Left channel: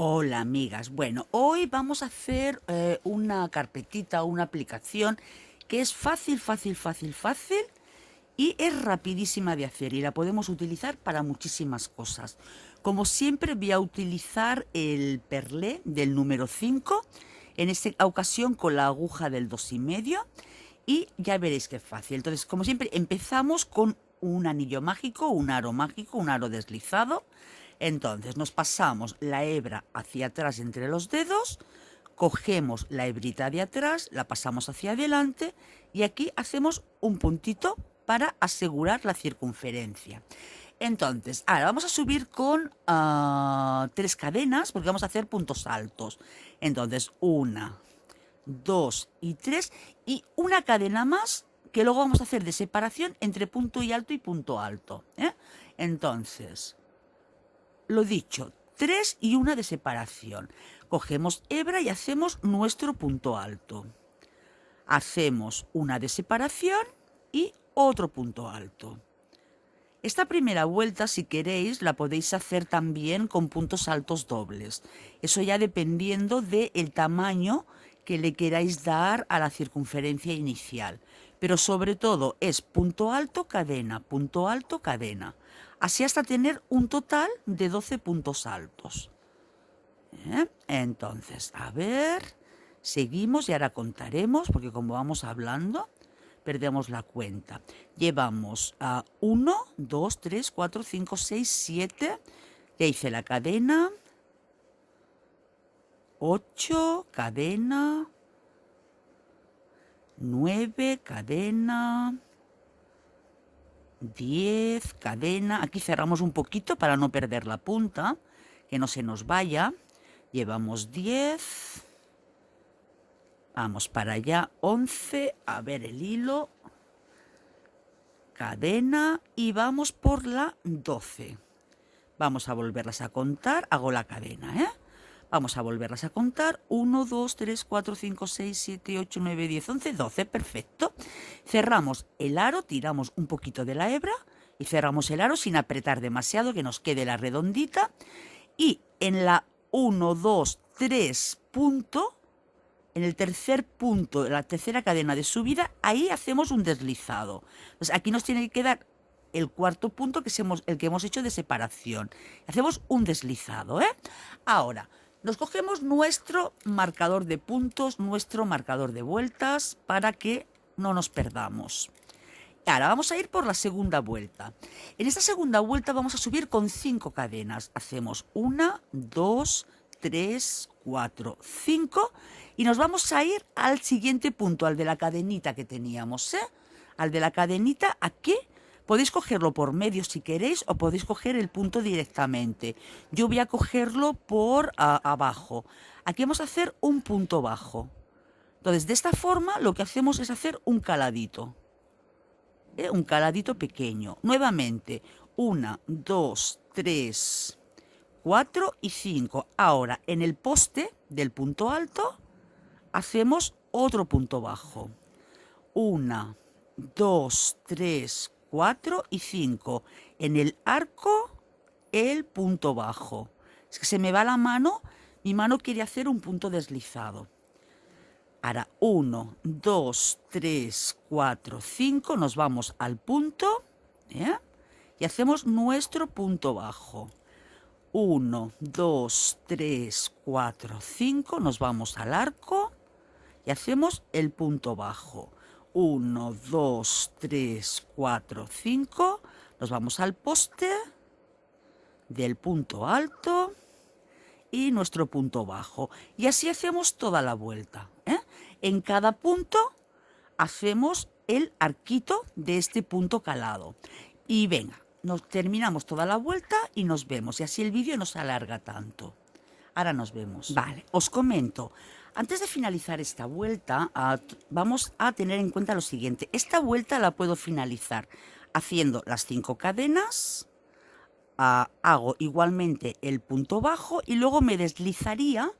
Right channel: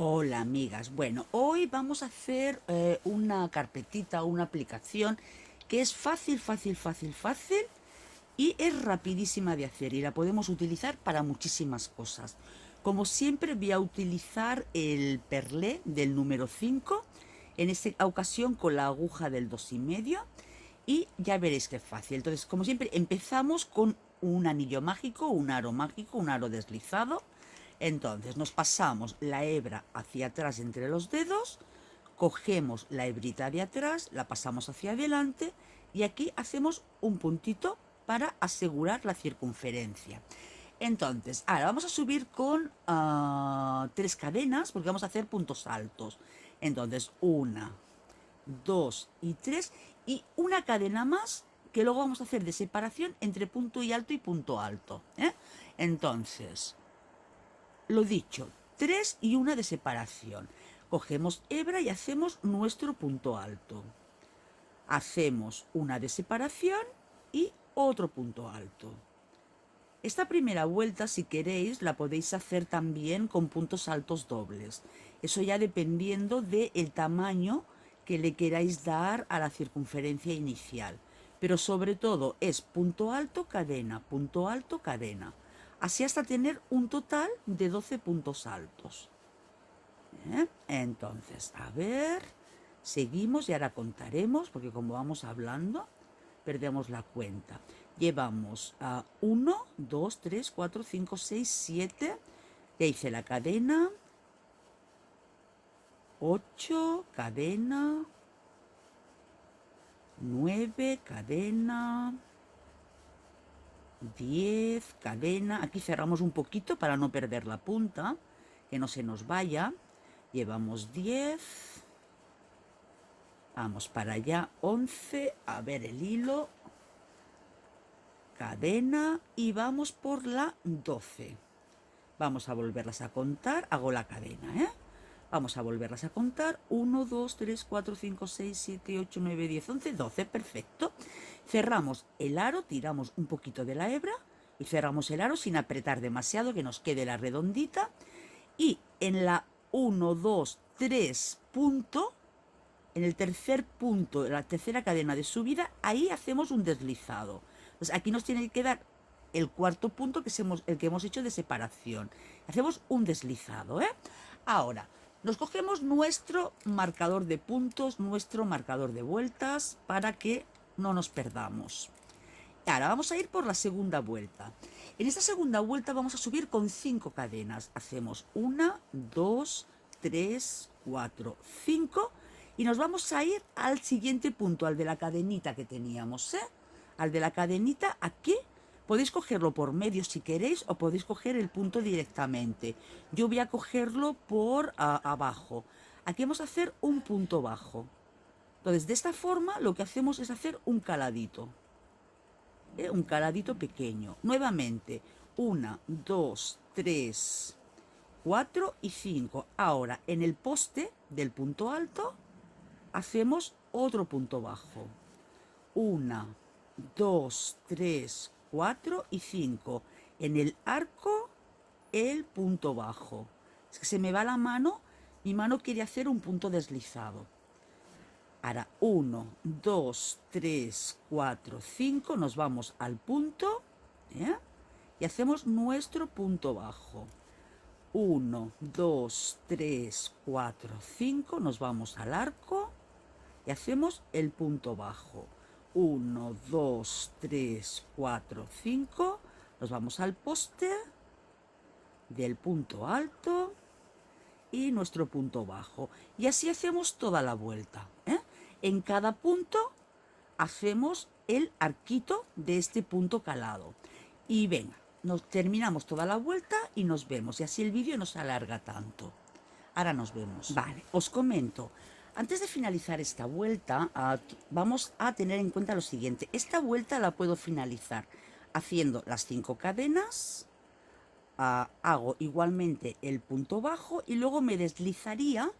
Hola amigas, bueno, hoy vamos a hacer una carpetita, una aplicación que es fácil y es rapidísima de hacer y la podemos utilizar para muchísimas cosas. Como siempre voy a utilizar el perlé del número 5, en esta ocasión con la aguja del 2,5 y ya veréis qué fácil. Entonces, como siempre, empezamos con un anillo mágico, un aro deslizado. Entonces nos pasamos la hebra hacia atrás entre los dedos, cogemos la hebrita de atrás, la pasamos hacia adelante y aquí hacemos un puntito para asegurar la circunferencia. Entonces, ahora vamos a subir con 3 cadenas porque vamos a hacer puntos altos. Entonces, una, dos y tres y una cadena más que luego vamos a hacer de separación entre punto y punto alto. Entonces, lo dicho, 3 y 1 de separación. Cogemos hebra y hacemos nuestro punto alto. Hacemos una de separación y otro punto alto. Esta primera vuelta, si queréis, la podéis hacer también con puntos altos dobles. Eso ya dependiendo del tamaño que le queráis dar a la circunferencia inicial. Pero sobre todo es punto alto, cadena, punto alto, cadena. Así hasta tener un total de 12 puntos altos. Entonces, a ver, seguimos y ahora contaremos, porque como vamos hablando, perdemos la cuenta. Llevamos a 1, 2, 3, 4, 5, 6, 7. Ya hice la cadena. 8, cadena. 9, cadena. 10, cadena. Aquí cerramos un poquito para no perder la punta, que no se nos vaya. Llevamos 10. Vamos para allá, 11. A ver el hilo. Cadena y vamos por la 12. Vamos a volverlas a contar. Hago la cadena, Vamos a volverlas a contar. 1, 2, 3, 4, 5, 6, 7, 8, 9, 10, 11, 12. Perfecto. Cerramos el aro, tiramos un poquito de la hebra y cerramos el aro sin apretar demasiado, que nos quede la redondita. Y en la 1, 2, 3 punto, en el tercer punto de la tercera cadena de subida, ahí hacemos un deslizado. Entonces aquí nos tiene que quedar el cuarto punto, que es el que hemos hecho de separación. Hacemos un deslizado, Ahora, nos cogemos nuestro marcador de puntos, nuestro marcador de vueltas, para que no nos perdamos. Ahora vamos a ir por la segunda vuelta. En esta segunda vuelta vamos a subir con 5 cadenas. Hacemos 1, 2, 3, 4, 5 y nos vamos a ir al siguiente punto, al de la cadenita que teníamos, Al de la cadenita aquí. Podéis cogerlo por medio si queréis o podéis coger el punto directamente. Yo voy a cogerlo por abajo. Aquí vamos a hacer un punto bajo. Entonces, de esta forma lo que hacemos es hacer un caladito. Un caladito pequeño. Nuevamente, 1, 2, 3, 4 y 5. Ahora, en el poste del punto alto, hacemos otro punto bajo. 1, 2, 3, 4 y 5. En el arco, el punto bajo. Es que se me va la mano, mi mano quiere hacer un punto deslizado. Ahora, 1, 2, 3, 4, 5, nos vamos al punto, y hacemos nuestro punto bajo. 1, 2, 3, 4, 5, nos vamos al arco y hacemos el punto bajo. 1, 2, 3, 4, 5, nos vamos al poste del punto alto y nuestro punto bajo. Y así hacemos toda la vuelta, En cada punto hacemos el arquito de este punto calado. Y venga, nos terminamos toda la vuelta y nos vemos. Y así el vídeo no se alarga tanto. Ahora nos vemos. Vale, os comento. Antes de finalizar esta vuelta, vamos a tener en cuenta lo siguiente. Esta vuelta la puedo finalizar haciendo las 5 cadenas, hago igualmente el punto bajo y luego me deslizaría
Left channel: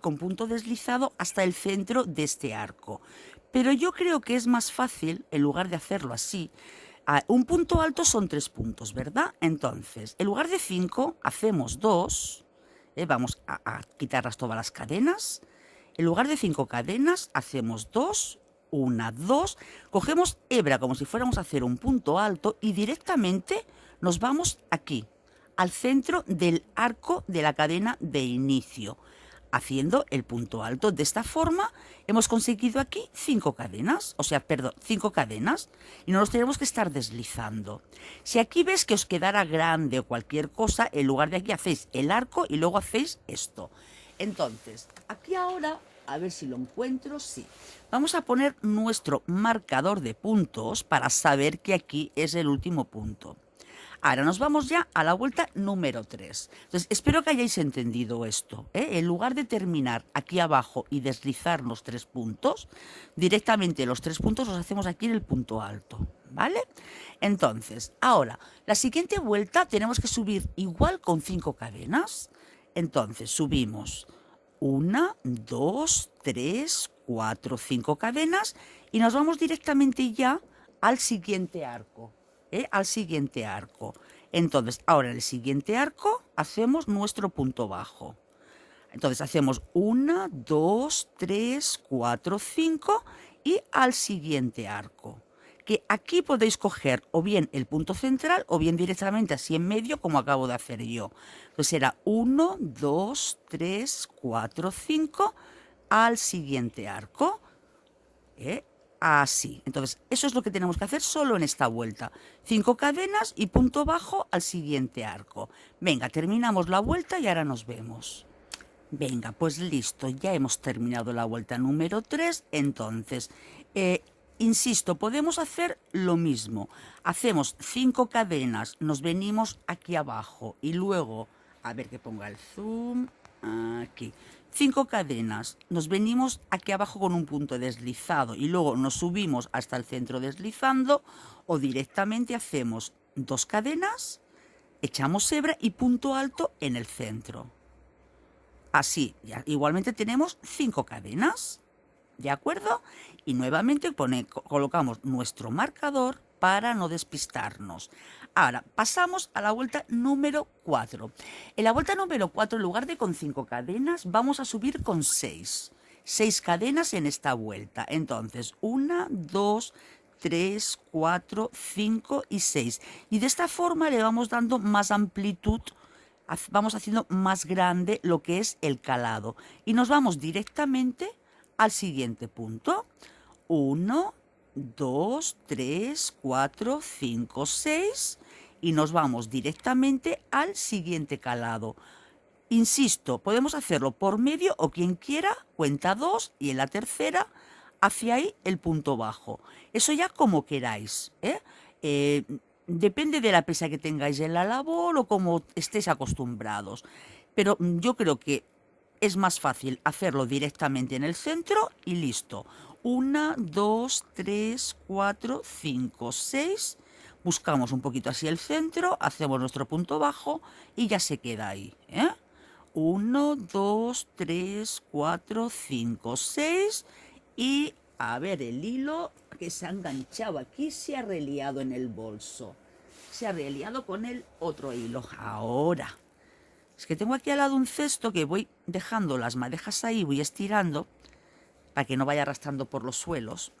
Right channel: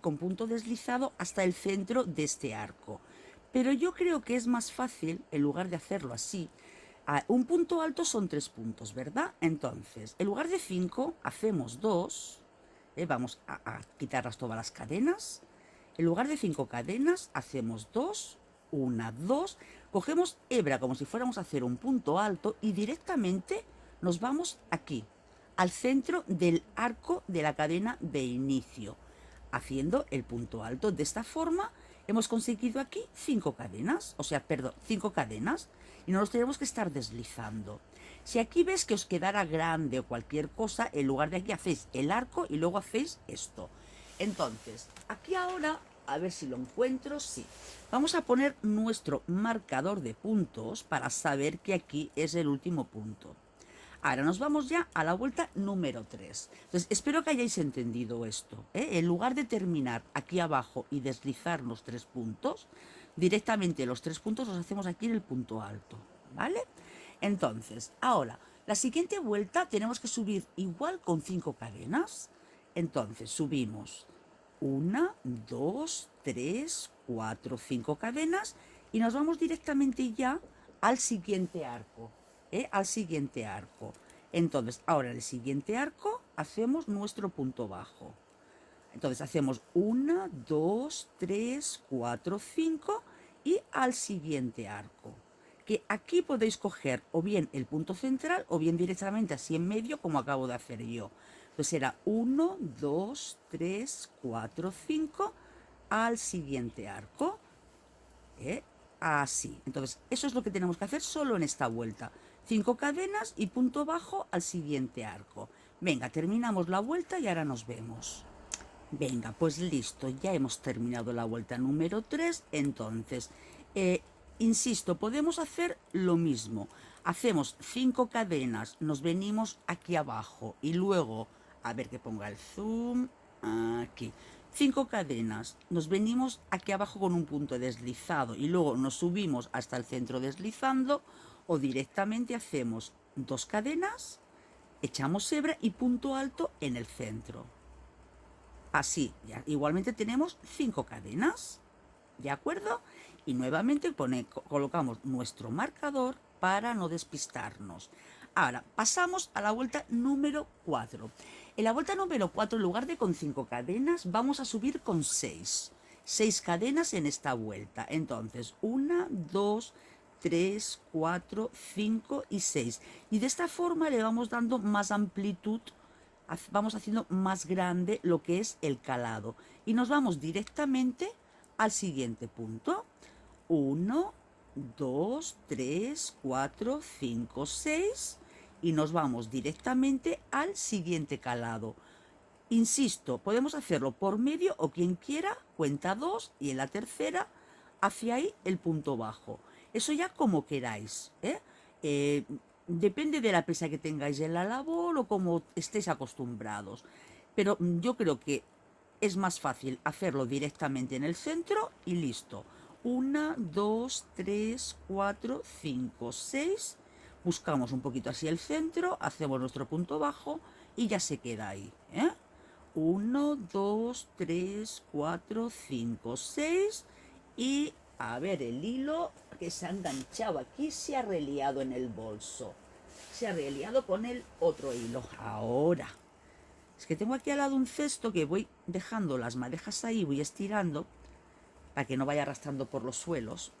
con punto deslizado hasta el centro de este arco. Pero yo creo que es más fácil, en lugar de hacerlo así, un punto alto son 3 puntos, ¿verdad? Entonces, en lugar de 5, hacemos 2, Vamos a quitarlas todas las cadenas. En lugar de 5 cadenas, hacemos 2, 1, 2. Cogemos hebra como si fuéramos a hacer un punto alto y directamente nos vamos aquí, al centro del arco de la cadena de inicio, haciendo el punto alto. De esta forma hemos conseguido aquí 5 cadenas, 5 cadenas, y no nos tenemos que estar deslizando. Si aquí ves que os quedara grande o cualquier cosa, en lugar de aquí hacéis el arco y luego hacéis esto. Entonces, aquí ahora, a ver si lo encuentro, sí. Vamos a poner nuestro marcador de puntos para saber que aquí es el último punto. Ahora nos vamos ya a la vuelta número 3. Entonces, espero que hayáis entendido esto, ¿eh? En lugar de terminar aquí abajo y deslizarnos 3 puntos, directamente los 3 puntos los hacemos aquí en el punto alto, ¿vale? Entonces, ahora, la siguiente vuelta tenemos que subir igual con 5 cadenas. Entonces, subimos 1, 2, 3, 4, 5 cadenas y nos vamos directamente ya al siguiente arco. Al siguiente arco. Entonces, ahora en el siguiente arco hacemos nuestro punto bajo. Entonces hacemos 1, 2, 3, 4, 5 y al siguiente arco. Que aquí podéis coger o bien el punto central o bien directamente así en medio como acabo de hacer yo. Entonces será 1, 2, 3, 4, 5 al siguiente arco. Así. Entonces, eso es lo que tenemos que hacer solo en esta vuelta. 5 cadenas y punto bajo al siguiente arco. Venga, terminamos la vuelta y ahora nos vemos. Venga, pues listo, ya hemos terminado la vuelta número 3. Entonces, insisto, podemos hacer lo mismo. Hacemos 5 cadenas, nos venimos aquí abajo y luego, a ver que ponga el zoom, aquí. 5 cadenas, nos venimos aquí abajo con un punto deslizado y luego nos subimos hasta el centro deslizando, o directamente hacemos 2 cadenas, echamos hebra y punto alto en el centro. Así, ya, igualmente tenemos 5 cadenas, ¿de acuerdo? Y nuevamente colocamos nuestro marcador para no despistarnos. Ahora, pasamos a la vuelta número 4. En la vuelta número 4, en lugar de con 5 cadenas, vamos a subir con 6. 6 cadenas en esta vuelta. Entonces, 1, 2, 3, 4, 5 y 6. Y de esta forma le vamos dando más amplitud, vamos haciendo más grande lo que es el calado. Y nos vamos directamente al siguiente punto. 1, 2, 3, 4, 5, 6 y nos vamos directamente al siguiente calado. Insisto, podemos hacerlo por medio o quien quiera, cuenta 2 y en la tercera hacia ahí el punto bajo. Eso ya como queráis, depende de la pesa que tengáis en la labor o como estéis acostumbrados. Pero yo creo que es más fácil hacerlo directamente en el centro y listo. 1, 2, 3, 4, 5, 6. Buscamos un poquito así el centro, hacemos nuestro punto bajo y ya se queda ahí. 1, 2, 3, 4, 5, 6. Y a ver, el hilo que se ha enganchado aquí se ha reliado en el bolso. Se ha reliado con el otro hilo. Ahora, es que tengo aquí al lado un cesto que voy dejando las madejas ahí, voy estirando para que no vaya arrastrando por los suelos.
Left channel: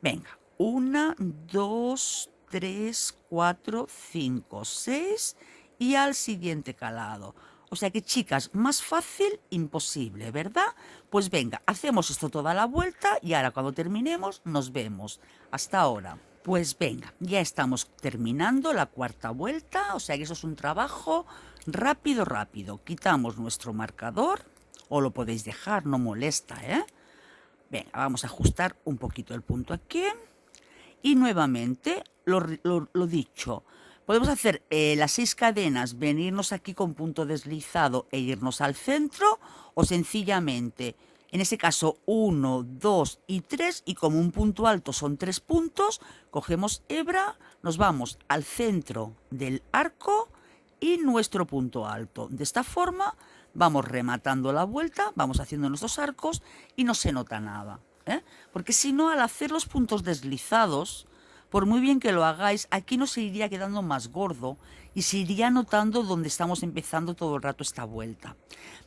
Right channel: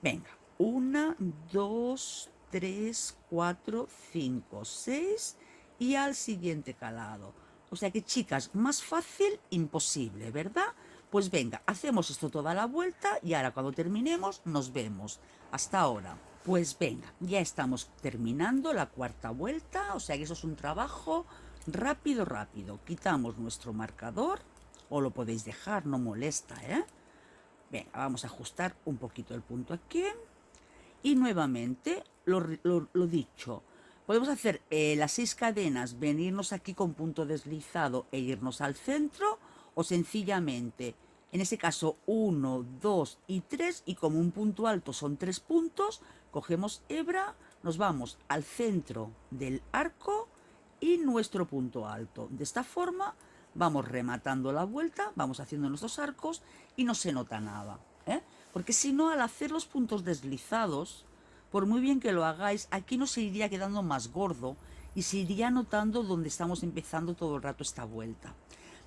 Venga, 1, 2, 3, 4, 5, 6 y al siguiente calado. O sea que, chicas, más fácil imposible, ¿verdad? Pues venga, hacemos esto toda la vuelta y ahora cuando terminemos nos vemos. Hasta ahora. Pues venga, ya estamos terminando la cuarta vuelta, o sea que eso es un trabajo rápido, rápido. Quitamos nuestro marcador, o lo podéis dejar, no molesta, Venga, vamos a ajustar un poquito el punto aquí. Y nuevamente, lo dicho, podemos hacer las 6 cadenas, venirnos aquí con punto deslizado e irnos al centro, o sencillamente, en ese caso, 1, 2 y 3, y como un punto alto son 3 puntos, cogemos hebra, nos vamos al centro del arco y nuestro punto alto. De esta forma vamos rematando la vuelta, vamos haciendo nuestros arcos y no se nota nada, porque si no, al hacer los puntos deslizados, por muy bien que lo hagáis, aquí no se iría quedando más gordo y se iría notando donde estamos empezando todo el rato esta vuelta.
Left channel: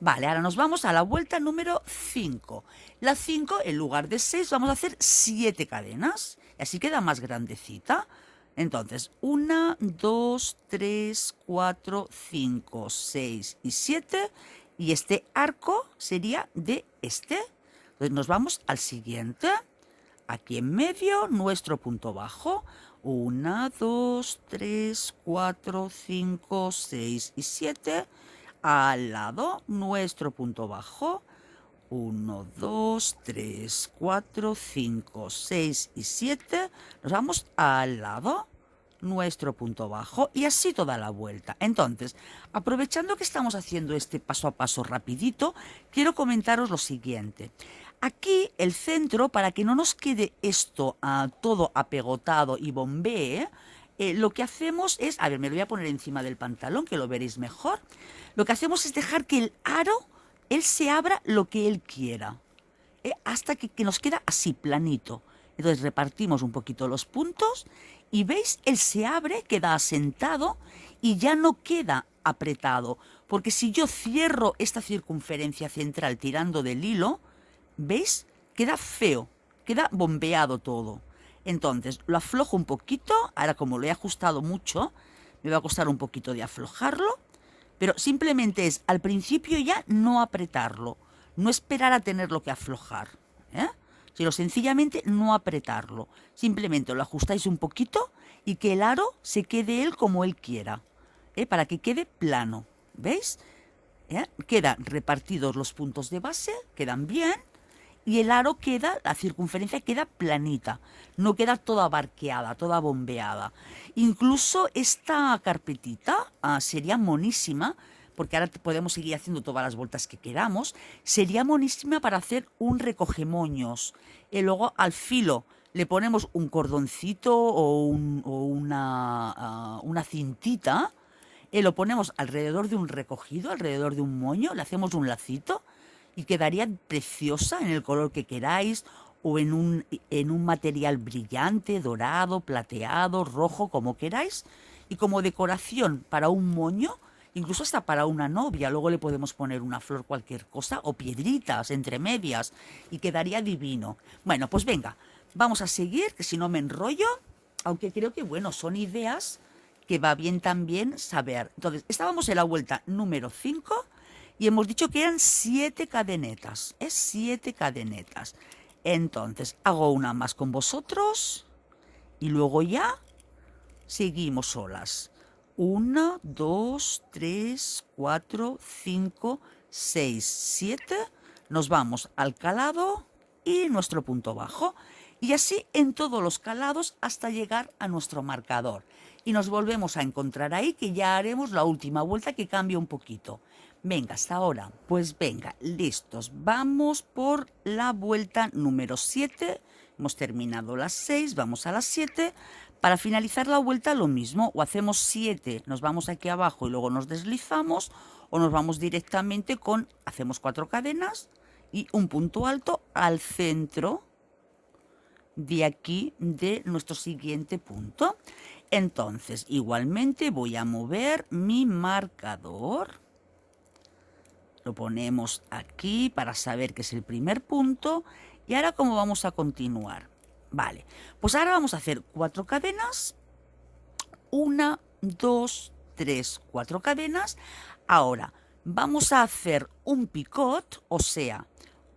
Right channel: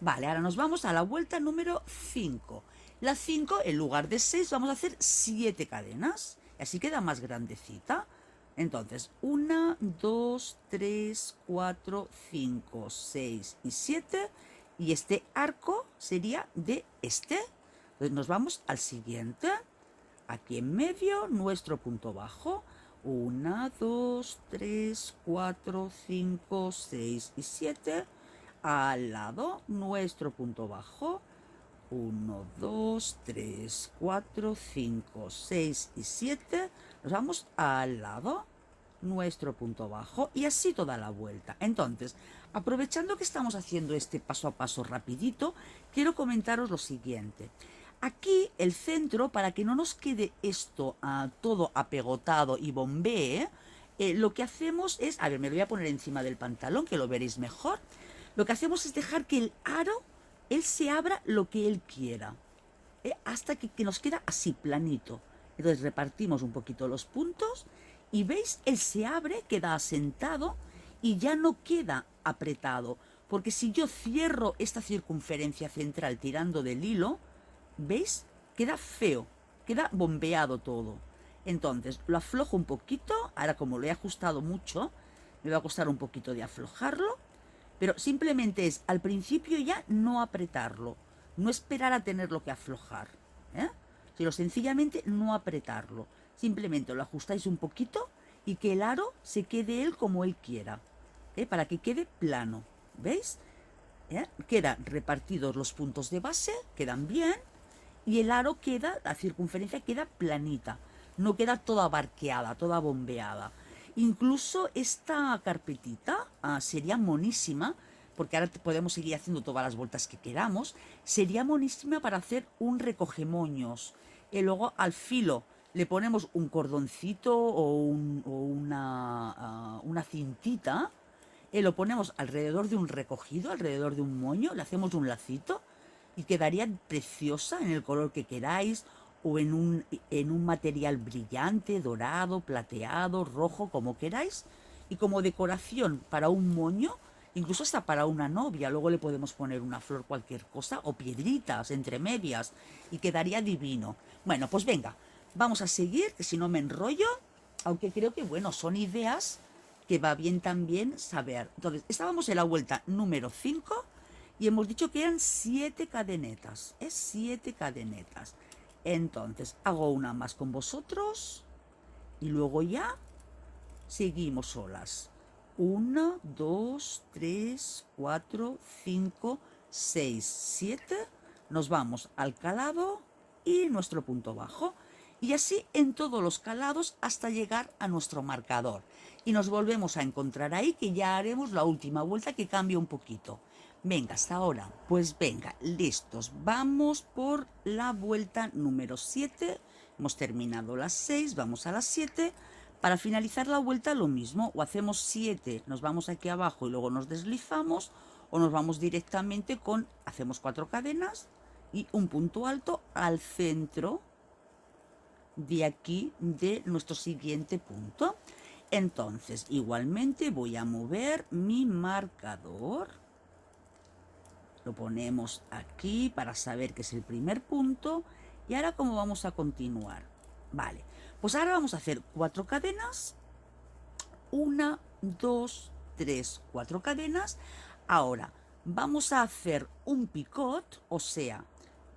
Vale, ahora nos vamos a la vuelta número 5. La 5, en lugar de 6, vamos a hacer 7 cadenas. Y así queda más grandecita. Entonces, 1, 2, 3, 4, 5, 6 y 7. Y este arco sería de este. Entonces nos vamos al siguiente. Aquí en medio, nuestro punto bajo. 1, 2, 3, 4, 5, 6 y 7. Al lado, nuestro punto bajo. 1, 2, 3, 4, 5, 6 y 7. Nos vamos al lado, nuestro punto bajo, y así toda la vuelta. Entonces, aprovechando que estamos haciendo este paso a paso rapidito, quiero comentaros lo siguiente. Aquí el centro, para que no nos quede esto todo apegotado y bombee, lo que hacemos es, a ver, me lo voy a poner encima del pantalón, que lo veréis mejor. Lo que hacemos es dejar que el aro, él se abra lo que él quiera, hasta que nos queda así, planito. Entonces repartimos un poquito los puntos y veis, él se abre, queda asentado y ya no queda apretado. Porque si yo cierro esta circunferencia central tirando del hilo, ¿veis? Queda feo, queda bombeado todo. Entonces lo aflojo un poquito, ahora como lo he ajustado mucho, me va a costar un poquito de aflojarlo. Pero simplemente es al principio ya no apretarlo, no esperar a tenerlo que aflojar, sino sencillamente no apretarlo. Simplemente lo ajustáis un poquito y que el aro se quede él como él quiera, para que quede plano. ¿Veis? Quedan repartidos los puntos de base, quedan bien, y el aro queda, la circunferencia queda planita, no queda toda barqueada, toda bombeada. Incluso esta carpetita sería monísima, porque ahora podemos seguir haciendo todas las vueltas que queramos, sería monísima para hacer un recogemoños. Y luego al filo le ponemos un cordoncito o una cintita, y lo ponemos alrededor de un recogido, alrededor de un moño, le hacemos un lacito y quedaría preciosa en el color que queráis, o en un material brillante, dorado, plateado, rojo, como queráis. Y como decoración para un moño, incluso hasta para una novia, luego le podemos poner una flor, cualquier cosa, o piedritas entre medias, y quedaría divino. Bueno, pues venga, vamos a seguir, que si no me enrollo, aunque creo que, bueno, son ideas que va bien también saber. Entonces, estábamos en la vuelta número 5 y hemos dicho que eran 7 cadenetas, 7 cadenetas. Entonces, hago una más con vosotros y luego ya seguimos solas. 1, 2, 3, 4, 5, 6, 7. Nos vamos al calado y nuestro punto bajo. Y así en todos los calados hasta llegar a nuestro marcador. Y nos volvemos a encontrar ahí, que ya haremos la última vuelta, que cambia un poquito. Venga, hasta ahora. Pues venga, listos. Vamos por la vuelta número 7. Hemos terminado las 6, vamos a las 7. Para finalizar la vuelta lo mismo, o hacemos 7, nos vamos aquí abajo y luego nos deslizamos, o nos vamos directamente hacemos 4 cadenas y un punto alto al centro de aquí de nuestro siguiente punto. Entonces, igualmente voy a mover mi marcador. Lo ponemos aquí para saber que es el primer punto. Y ahora, ¿cómo vamos a continuar? Vale, pues ahora vamos a hacer 4 cadenas. 1, 2, 3, 4 cadenas. Ahora, vamos a hacer un picot, o sea,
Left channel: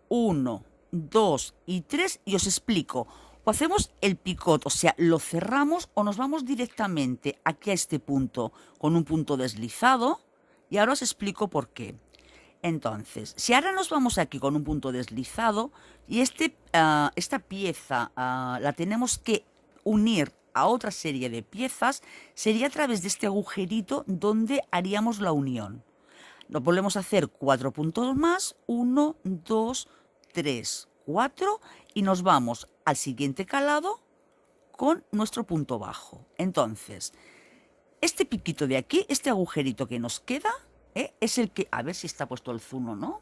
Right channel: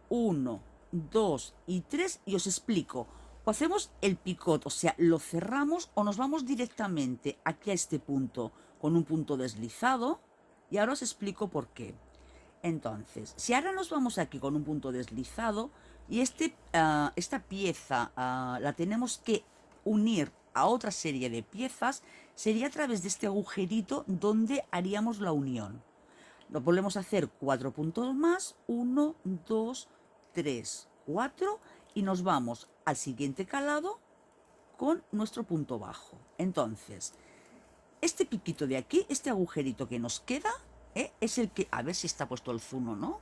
1, 2 y 3, y os explico. O hacemos el picot, o sea, lo cerramos, o nos vamos directamente aquí a este punto con un punto deslizado, y ahora os explico por qué. Entonces, si ahora nos vamos aquí con un punto deslizado y esta pieza la tenemos que unir a otra serie de piezas, sería a través de este agujerito donde haríamos la unión. Lo volvemos a hacer 4 puntos más, 1, 2, 3, 4, y nos vamos al siguiente calado con nuestro punto bajo. Entonces, este piquito de aquí, este agujerito que nos queda, es el que, a ver si está puesto el zoom o no.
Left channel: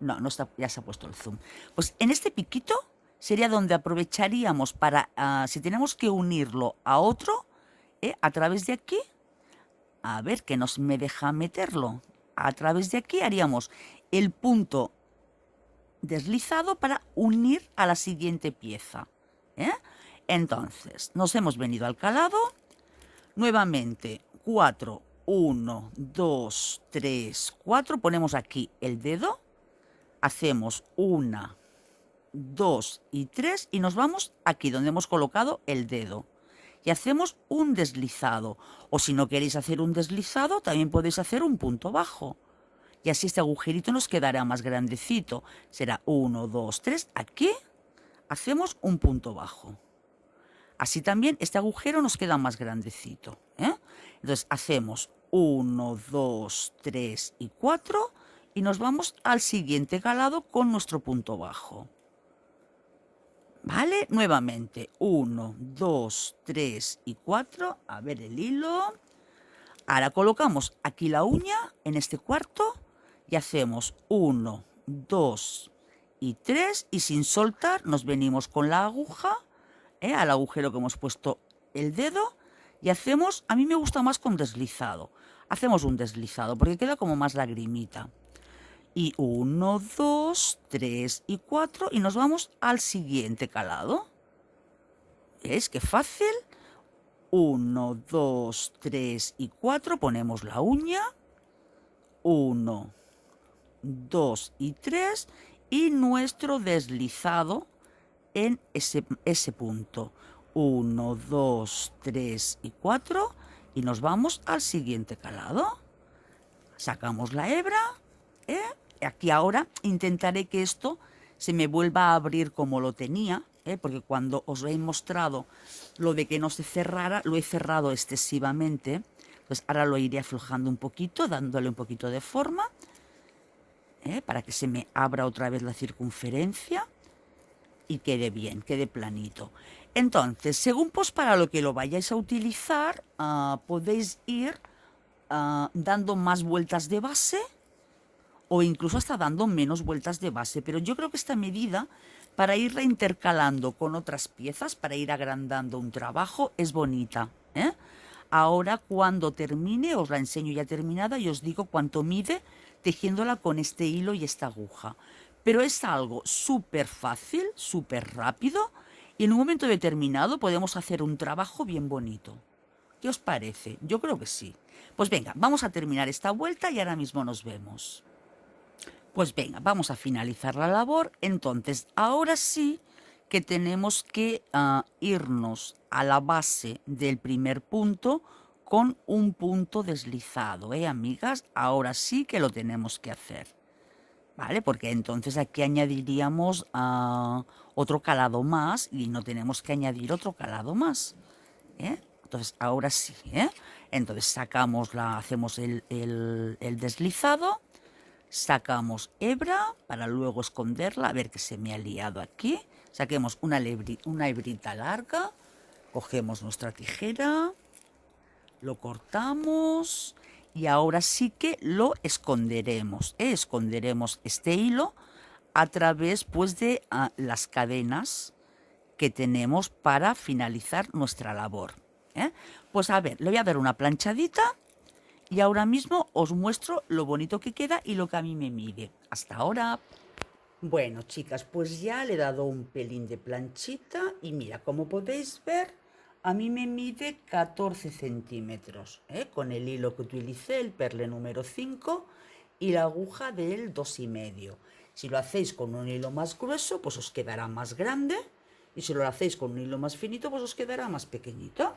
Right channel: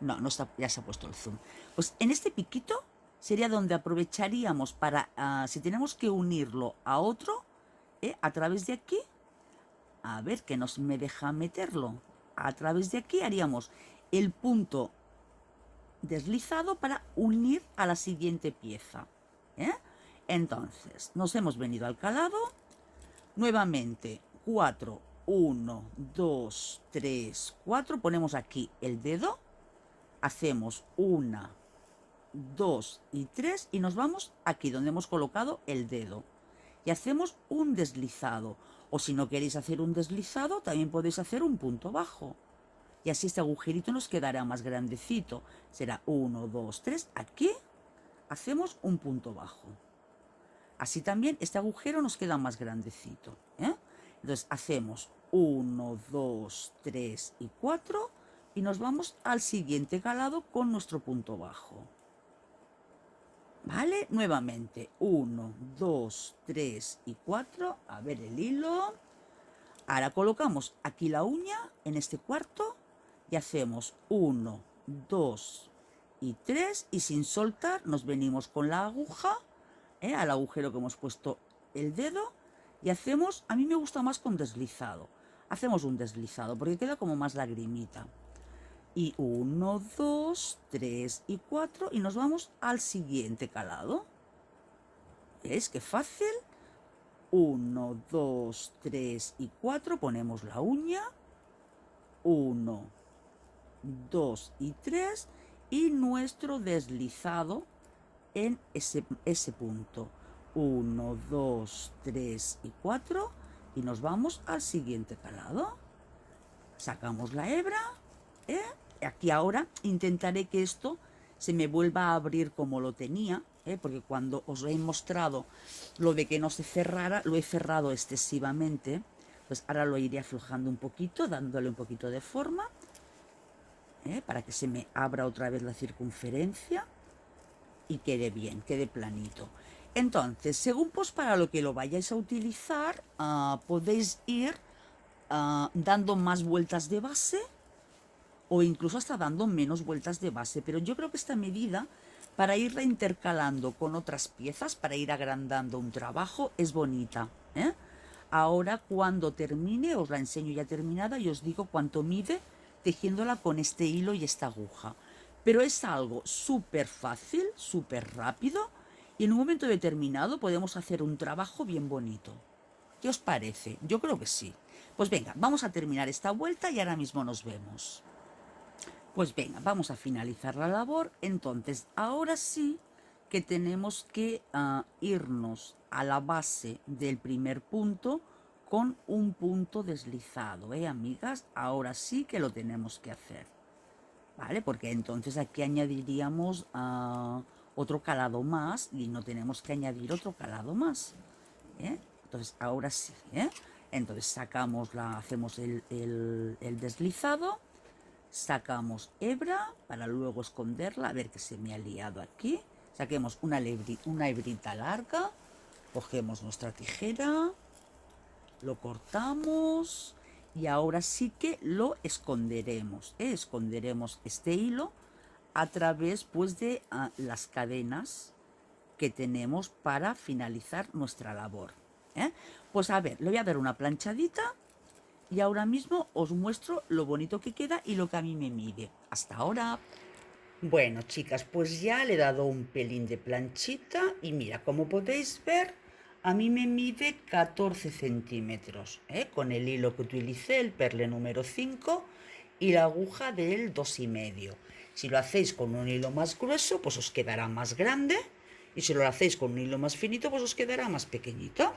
No, no está, ya se ha puesto el zoom. Pues en este piquito sería donde aprovecharíamos para, si tenemos que unirlo a otro, a través de aquí, a ver que nos me deja meterlo, a través de aquí haríamos el punto deslizado para unir a la siguiente pieza. Entonces, nos hemos venido al calado, nuevamente 4, 1, 2, 3, 4, ponemos aquí el dedo, hacemos 1, 2 y 3 y nos vamos aquí donde hemos colocado el dedo y hacemos un deslizado, o si no queréis hacer un deslizado también podéis hacer un punto bajo y así este agujerito nos quedará más grandecito, será 1, 2, 3, aquí hacemos un punto bajo, así también este agujero nos queda más grandecito, entonces hacemos 1, 2, 3 y 4 y nos vamos al siguiente calado con nuestro punto bajo. ¿Vale? Nuevamente, 1, 2, 3 y 4. A ver el hilo. Ahora colocamos aquí la uña en este cuarto y hacemos 1, 2 y 3 y sin soltar nos venimos con la aguja al agujero que hemos puesto el dedo y hacemos, a mí me gusta más con deslizado, hacemos un deslizado porque queda como más lagrimita. Y 1, 2, 3 y 4 y nos vamos al siguiente calado. ¿Ves qué fácil? 1, 2, 3 y 4, ponemos la uña. 1, 2 y 3 y nuestro deslizado en ese punto. 1, 2, 3 y 4 y nos vamos al siguiente calado. Sacamos la hebra. Aquí ahora intentaré que esto se me vuelva a abrir como lo tenía, porque cuando os he mostrado lo de que no se cerrara, lo he cerrado excesivamente. Pues ahora lo iré aflojando un poquito, dándole un poquito de forma, para que se me abra otra vez la circunferencia y quede bien, quede planito. Entonces, según pues para lo que lo vayáis a utilizar, podéis ir dando más vueltas de base o incluso hasta dando menos vueltas de base, pero yo creo que esta medida para irla intercalando con otras piezas, para ir agrandando un trabajo, es bonita. Ahora cuando termine os la enseño ya terminada y os digo cuánto mide tejiéndola con este hilo y esta aguja, pero es algo súper fácil, súper rápido y en un momento determinado podemos hacer un trabajo bien bonito. ¿Qué os parece? Yo creo que sí. Pues venga, vamos a terminar esta vuelta y ahora mismo nos vemos. Pues venga, vamos a finalizar la labor. Entonces, ahora sí que tenemos que irnos a la base del primer punto con un punto deslizado, amigas? Ahora sí que lo tenemos que hacer, ¿vale? Porque entonces aquí añadiríamos otro calado más y no tenemos que añadir otro calado más, Entonces, ahora sí, Entonces, hacemos el deslizado. Sacamos hebra para luego esconderla, a ver que se me ha liado aquí. Saquemos una hebrita larga, cogemos nuestra tijera, lo cortamos y ahora sí que lo esconderemos. Esconderemos este hilo a través pues de las cadenas que tenemos para finalizar nuestra labor. Pues a ver, le voy a dar una planchadita. Y ahora mismo os muestro lo bonito que queda y lo que a mí me mide. Hasta ahora. Bueno, chicas, pues ya le he dado un pelín de planchita y mira, como podéis ver, a mí me mide 14 centímetros, con el hilo que utilicé, el perle número 5 y la aguja del 2,5. Si lo hacéis con un hilo más grueso, pues os quedará más grande. Y si lo hacéis con un hilo más finito, pues os quedará más pequeñito.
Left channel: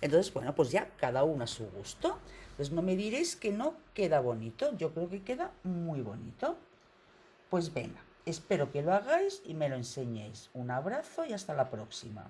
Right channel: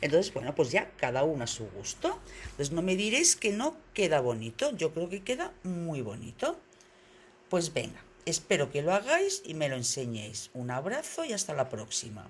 Entonces, bueno, pues ya cada uno a su gusto. Entonces no me diréis que no queda bonito. Yo creo que queda muy bonito. Pues venga, espero que lo hagáis y me lo enseñéis. Un abrazo y hasta la próxima.